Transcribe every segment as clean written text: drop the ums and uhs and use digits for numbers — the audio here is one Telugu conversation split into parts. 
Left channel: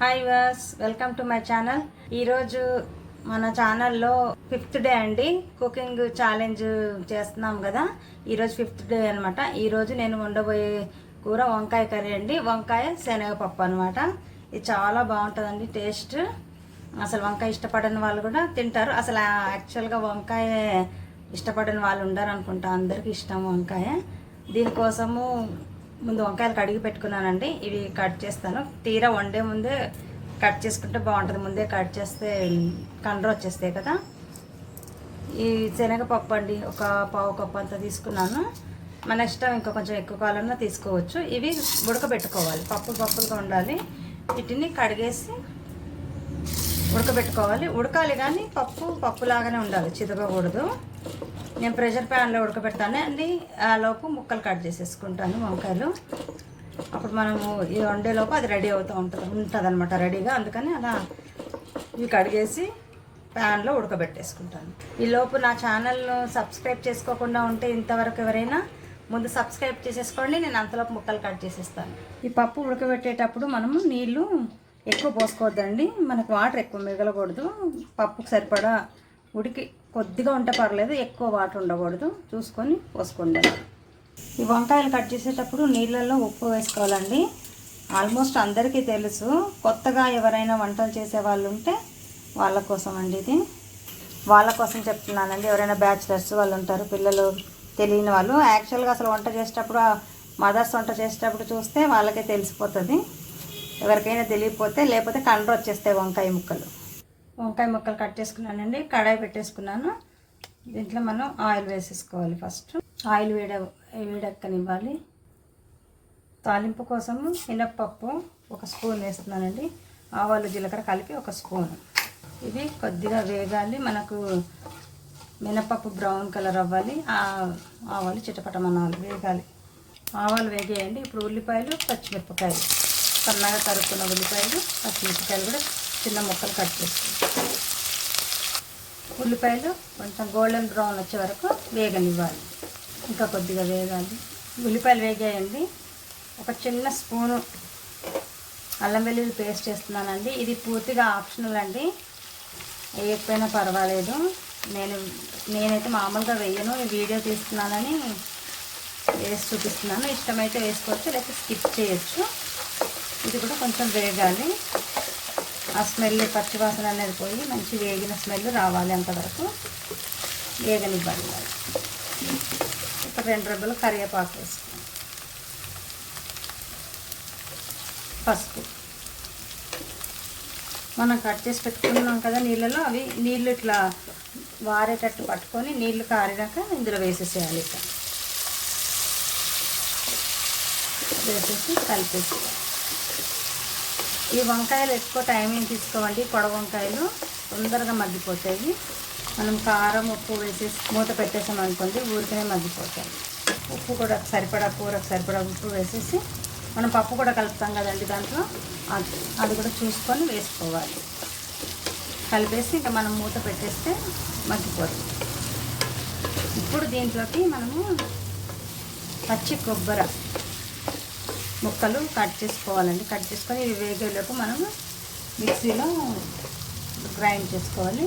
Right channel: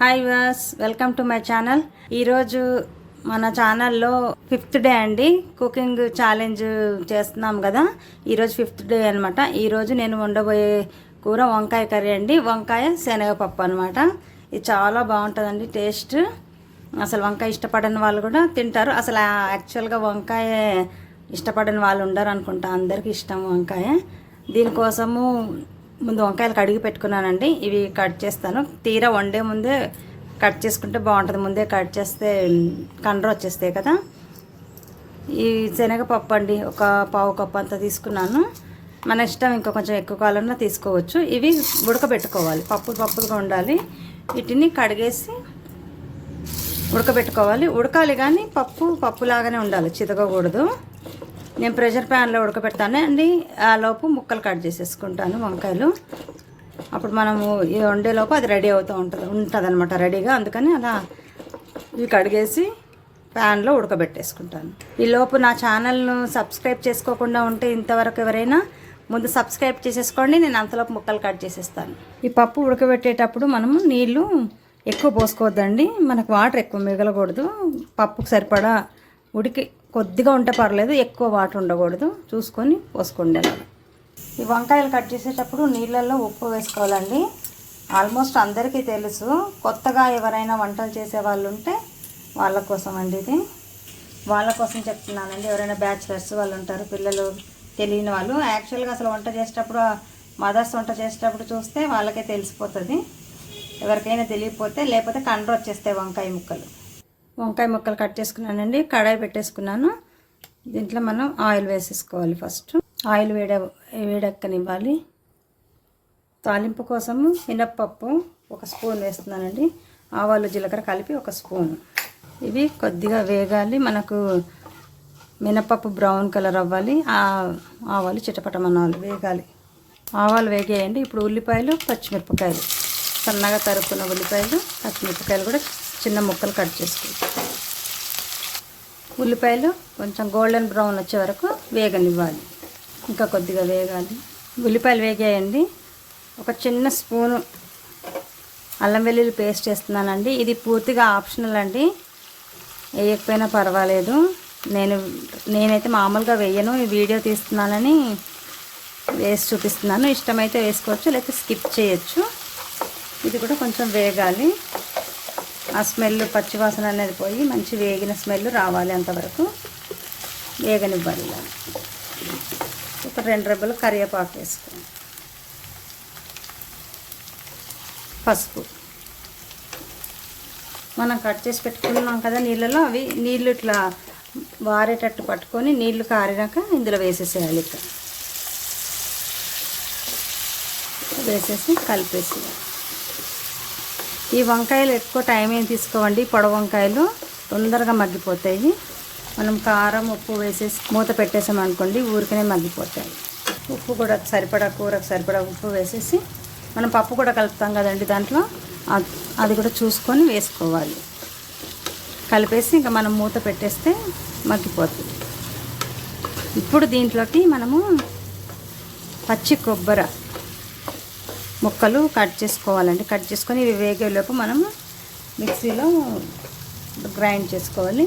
Hi was, welcome to my channel. ఈరోజు మన ఛానల్లో 5th డే అండి, కుకింగ్ ఛాలెంజ్ చేస్తున్నాం కదా. ఈరోజు 5th డే అనమాట. ఈరోజు నేను వండబోయే కూర వంకాయ కర్రీ అండి. వంకాయ శనగపప్పు అనమాట. ఇది చాలా బాగుంటుందండి టేస్ట్. అసలు వంకాయ ఇష్టపడని వాళ్ళు కూడా తింటారు. అసలు యాక్చువల్గా వంకాయ ఇష్టపడని వాళ్ళు ఉండరు అనుకుంటా, అందరికీ ఇష్టం వంకాయ. దీనికోసము ముందు వంకాయలు కడిగి పెట్టుకున్నానండి. ఇవి కట్ చేస్తాను. తీరా వండే ముందే కట్ చేసుకుంటే బాగుంటుంది. ముందే కట్ చేస్తే కండ్ర వచ్చేస్తాయి కదా. ఈ శనగపప్పు అండి, ఒక పావు కప్పు అంతా తీసుకున్నాను. మన ఇష్టం, ఇంకా కొంచెం ఎక్కువ కావాలన్నా తీసుకోవచ్చు. ఇవి ఉడకబెట్టుకోవాలి, పప్పుగా ఉండాలి. వీటిని కడిగేసి ఉడకబెట్టుకోవాలి. ఉడకాలి కానీ పప్పులాగానే ఉండాలి, చితకకూడదు. నేను ప్రెషర్ ప్యాన్లో ఉడకబెడతాను అండి. ఆ లోపు ముక్కలు కట్ చేసేసుకుంటాను వంకాయలు. అప్పుడు మనము ఇది వండేలోపు అది రెడీ అవుతూ ఉంటుంది అనమాట రెడీగా. అందుకని అలా ఇవి కడిగేసి ప్యాన్లో ఉడకబెట్టేసుకుంటాను. ఈ లోపు నా ఛానల్ను సబ్స్క్రైబ్ చేసుకోకుండా ఉంటే ఇంతవరకు ఎవరైనా ముందు సబ్స్క్రైబ్ చేసేసుకోండి. నేను అంతలోపు ముక్కలు కట్ చేసేస్తాను. ఈ పప్పు ఉడకబెట్టేటప్పుడు మనము నీళ్ళు ఎక్కువ పోసుకోవద్దండి. మనకు వాటర్ ఎక్కువ మిగలకూడదు. పప్పుకు సరిపడా ఉడికి కొద్దిగా ఉంటే పర్లేదు, ఎక్కువ వాటర్ ఉండకూడదు. చూసుకొని పోసుకోండి. ఈ వంకాయలు కట్ చేసేటప్పుడు నీళ్ళల్లో ఉప్పు వేసుకోవాలండి. ఆల్మోస్ట్ అందరికీ తెలుసు. కొత్తగా ఎవరైనా వంటలు చేసే వాళ్ళు ఉంటే వాళ్ళ కోసం అండి ఇది. వాళ్ళ కోసం చెప్తున్నానండి. ఎవరైనా బ్యాచిలర్స్ వాళ్ళు ఉంటారు, పిల్లలు తెలియని వాళ్ళు. యాక్చువల్గా అసలు వంట చేసేటప్పుడు, మదర్స్ వంట చేసేటప్పుడు చూస్తే వాళ్ళకే తెలిసిపోతుంది. ఎవరికైనా తెలియకపోతే, లేకపోతే కండ్ర వచ్చేస్తాయి వంకాయ ముక్కలు కట్ చేసుకున్నానండి. కడాయి పెట్టేసుకున్నాను. దీంట్లో మనం ఆయిల్ వేసేసుకోవాలి. ఫస్ట్ ఆయిల్ వేడెక్కనివ్వాలి. తాలింపు కోసము మినప్పప్పు 1 స్పూన్ వేస్తున్నానండి. ఆవాలు జీలకర్ర కలిపి 1 స్పూన్. ఇవి కొద్దిగా వేగాలి. మనకు మినప్పప్పు బ్రౌన్ కలర్ అవ్వాలి. ఆవాలు చిటపటమనాలు వేగాలి. ఆవాలు వేగేయండి. ఇప్పుడు ఉల్లిపాయలు, పచ్చిమిరపకాయలు, సన్నగా తరుక్కున్న ఉల్లిపాయలు, పచ్చిమిరపకాయలు కూడా చిన్న ముక్కలు కట్ చేసుకుంటాం. ఉల్లిపాయలు కొంచెం గోల్డెన్ బ్రౌన్ వచ్చే వరకు వేగనివ్వాలి. ఇంకా కొద్దిగా వేగాలి. ఉల్లిపాయలు వేగాయండి. ఒక చిన్న స్పూను అల్లం వెల్లుల్లి పేస్ట్ వేస్తున్నానండి. ఇది పూర్తిగా ఆప్షనల్ అండి, వేయకపోయినా పర్వాలేదు. నేనైతే మామూలుగా వేయను, ఈ వీడియో తీస్తున్నానని వేసి చూపిస్తున్నాను. ఇష్టమైతే వేసుకోవచ్చు, లేకపోతే స్కిప్ చేయొచ్చు. ఇది కూడా కొంచెం వేగాలి. ఆ స్మెల్, పచ్చివాసన అనేది పోయి మంచి వేగిన స్మెల్ రావాలి. అంతవరకు వేగనివ్వాలి. ఒక 2 రెబ్బలు కరివేపాకు వేసుకోండి. పసుపు మనం కట్ చేసి పెట్టుకున్నాం కదా నీళ్ళలో, అవి నీళ్ళు ఇట్లా వారేటట్టు పట్టుకొని నీళ్లు కారినాక ఇందులో వేసేసేయాలి. ఇక్కడ వేసేసి కలిపేసి. ఈ వంకాయలు ఎక్కువ టైం ఏం తీసుకోవండి. పొడవు వంకాయలు తొందరగా మగ్గిపోతాయి. మనం కారం, ఉప్పు వేసేసి మూత పెట్టేసాం అనుకోండి, ఊరికనే మగ్గిపోతాయి. ఉప్పు కూడా సరిపడా, కూరకు సరిపడా ఉప్పు వేసేసి, మనం పప్పు కూడా కలుపుతాం కదండి దాంట్లో, అది కూడా చూసుకొని వేసుకోవాలి. కలిపేసి ఇంకా మనం మూత పెట్టేస్తే మగ్గిపోతుంది. ఇప్పుడు దీంట్లోకి మనము పచ్చి కొబ్బరి ముక్కలు కట్ చేసుకోవాలండి. కట్ చేసుకొని ఇవి వేగేలోపు మనం మిక్సీలో గ్రైండ్ చేసుకోవాలి.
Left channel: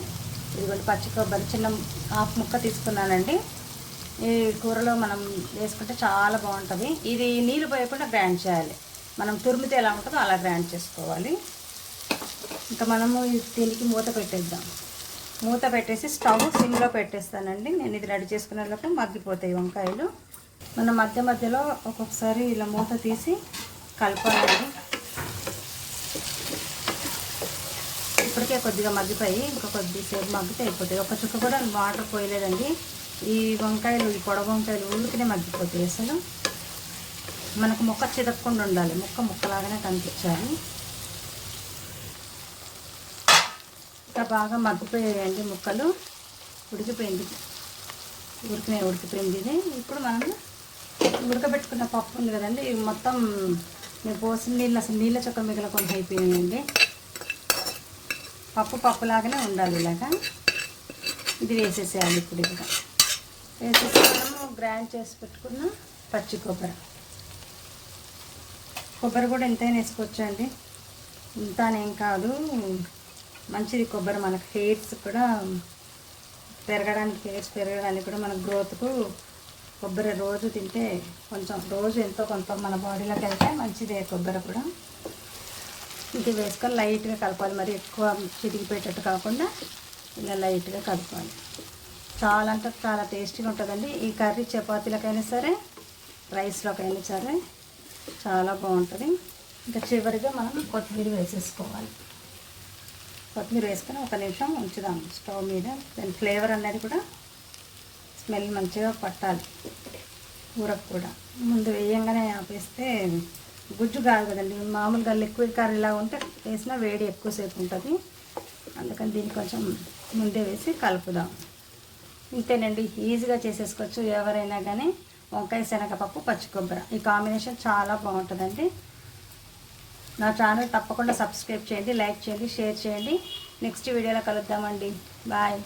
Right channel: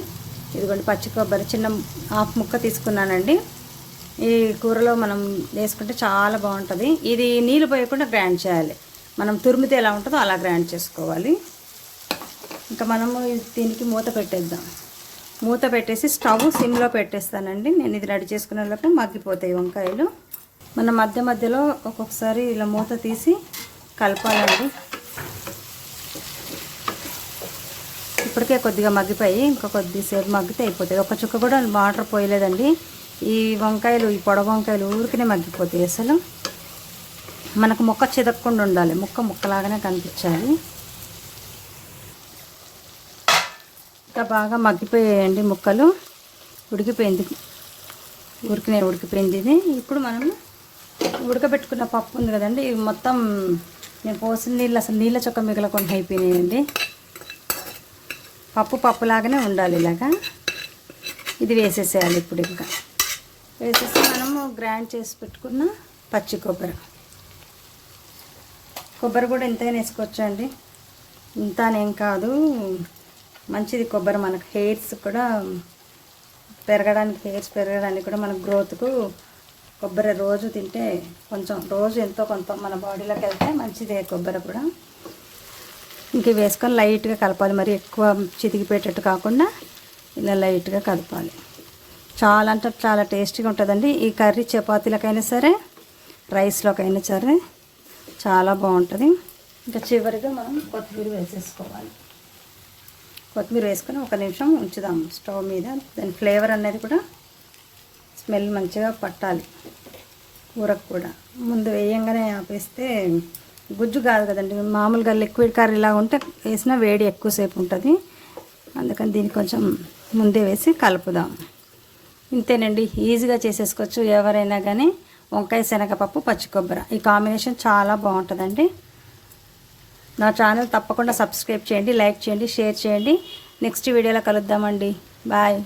ఇదిగోండి పచ్చి కొబ్బరి చిన్న 1/2 ముక్క తీసుకున్నానండి. ఈ కూరలో మనం వేసుకుంటే చాలా బాగుంటుంది. ఇది నీళ్ళు పోయకుండా గ్రైండ్ చేయాలి. మనం తురిమితే ఎలా ఉంటుందో అలా గ్రైండ్ చేసుకోవాలి. ఇంకా మనము దీనికి మూత పెట్టేద్దాం. మూత పెట్టేసి స్టవ్ సిమ్లో పెట్టేస్తానండి. నేను ఇది రెడీ చేసుకునే లోపు మగ్గిపోతాయి వంకాయలు. మనం మధ్యలో ఒక్కొక్కసారి ఇలా మూత తీసి కలపాలండి. ఇప్పటికే కొద్దిగా మగ్గిపోయి, ఇంకా కొద్దిసేపు మగ్గితే అయిపోతాయి. ఒక చుక్క కూడా వాటర్ పోయలేదండి. ఈ వంకాయలు, ఈ పొడవు వంకాయలు ఊరికనే మగ్గిపోతాయి. అసలు మనకు ముక్క చిదక్కుండా ఉండాలి, ముక్కలాగానే కనిపించాలి. ఇంకా బాగా మగ్గిపోయాయండి ముక్కలు. ఉడికిపోయింది, ఉడికిపోయింది ఇది. ఇప్పుడు మనం ఉడకబెట్టుకున్న పప్పు ఉంది కదండి, ఇవి మొత్తం నేను పోసిన నీళ్ళు అసలు నీళ్ళ చొక్క మిగలకుండా అయిపోయినాయండి. పప్పులాగానే ఉండాలి ఇలాగా. ఇది వేసేసేయాలి. ఇప్పుడు ఇంకా వేసేసి మనము గ్రైండ్ చేసి పెట్టుకున్న పచ్చి కొబ్బరి కూడా ఎంతైనా వేసుకోవచ్చండి. ఇంతానేం కాదు, మంచిది కొబ్బరి. మనకు హెయిర్స్ కూడా పెరగడానికి, హెయిర్స్ పెరగడానికి కూడా, మన గ్రోత్కు కొబ్బరి రోజు తింటే కొంచెం, రోజు ఎంతో కొంత మన బాడీలోకి వెళ్తే మంచిదే కొబ్బరి కూడా. ఇంక వేసుకొని లైట్గా కలపాలి, మరి ఎక్కువ చితికిపోయేటట్టు కాకుండా ఇలా లైట్గా కలపాలి. చాలా అంటే చాలా టేస్టీగా ఉంటుందండి ఈ కర్రీ. చపాతీలకైనా సరే, రైస్లోకైనా సరే చాలా బాగుంటుంది. ఇంకా చివరిగా మనం కొత్తిమీర వేసేసుకోవాలి. కొత్తిమీర వేసుకొని 1 నిమిషం ఉంచుదాము స్టవ్ మీద. దాని ఫ్లేవర్ అనేది కూడా, స్మెల్ మంచిగా పట్టాలి కూరకు కూడా. ముందు వేయంగానే ఆపేస్తే గుజ్జు కాదు కదండి, మామూలుగా లిక్విడ్ కర్రీలా ఉంటే వేసినా వేడి ఎక్కువసేపు ఉంటుంది. అందుకని దీన్ని కొంచెం ముందే వేసి కలుపుదాం. ఇంతేనండి, ఈజీగా చేసేసుకోవచ్చు ఎవరైనా కానీ. వంకాయ శనగపప్పు పచ్చి కొబ్బరి, ఈ కాంబినేషన్ చాలా బాగుంటుందండి. నా ఛానల్ తప్పకుండా సబ్స్క్రైబ్ చేయండి, లైక్ చేయండి, షేర్ చేయండి. నెక్స్ట్ వీడియోలో కలుద్దామండి. బాయ్.